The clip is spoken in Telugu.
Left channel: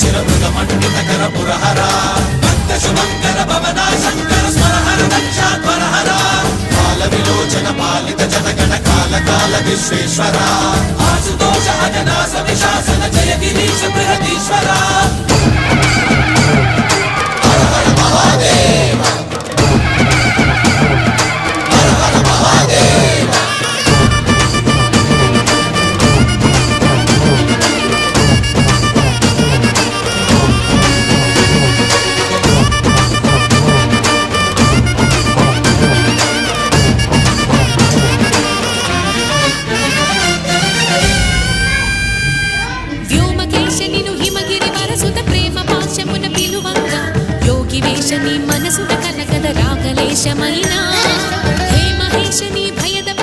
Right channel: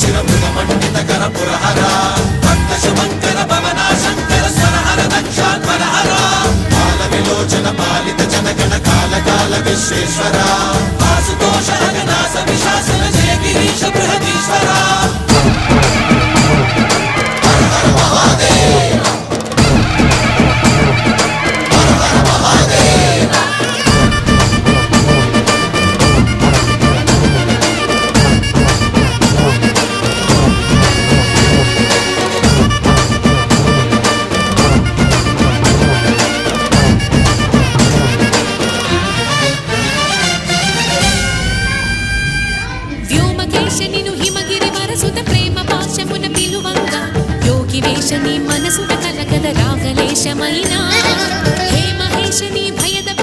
शिरमृगमण्डितकर पुरहरा भक्तशुभङ्कर भवना शङ्कर स्वरहर दक्षाध्वरहरा कालविलोचन पालित जनगण काल विश्वेश्वरा आशुतोष हरिदास विशासन जय गिरीश बृहदीश्वरा हर हर महादेव हर हर महादेव నిను హిమగిరి వరసుత ప్రేమ పాశమున పిలువంగా యోగి వేష నీ మనసున కలగద రాగలేశమైనా హే మహేశ నీ భయద